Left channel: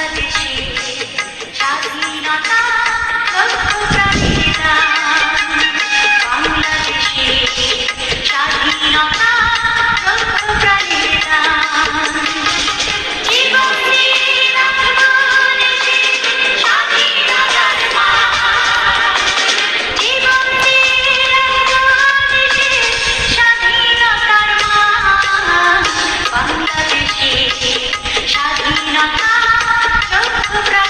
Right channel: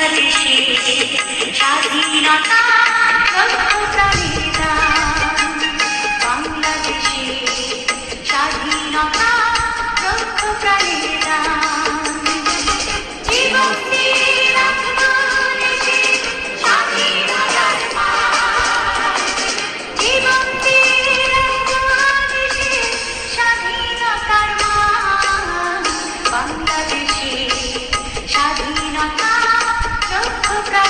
বাংলাদেশে স্বাধীনতা লক্ষ প্রাণীর দান বাংলাদেশে স্বাধীনতা লক্ষ প্রাণীর দান জীবনী স্বাধীনতা pra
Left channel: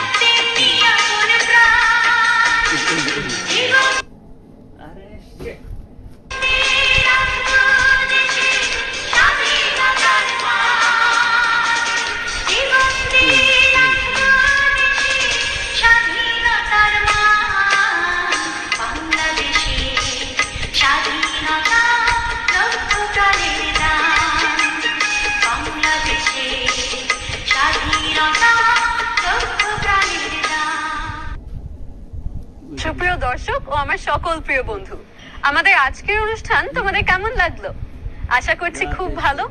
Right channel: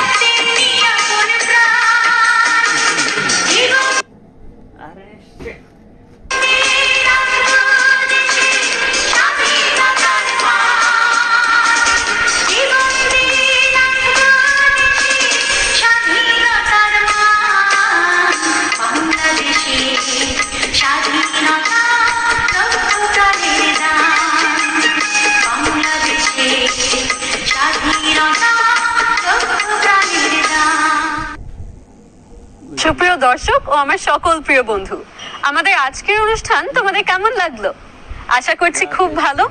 아래 씨. সুপ্রিয় দর্শক ও আমার সকল প্রিয় বন্ধু আমাদের আজকের অনুষ্ঠান তোমাদের কেমন লাগল? আশা করছি খুব ভালো।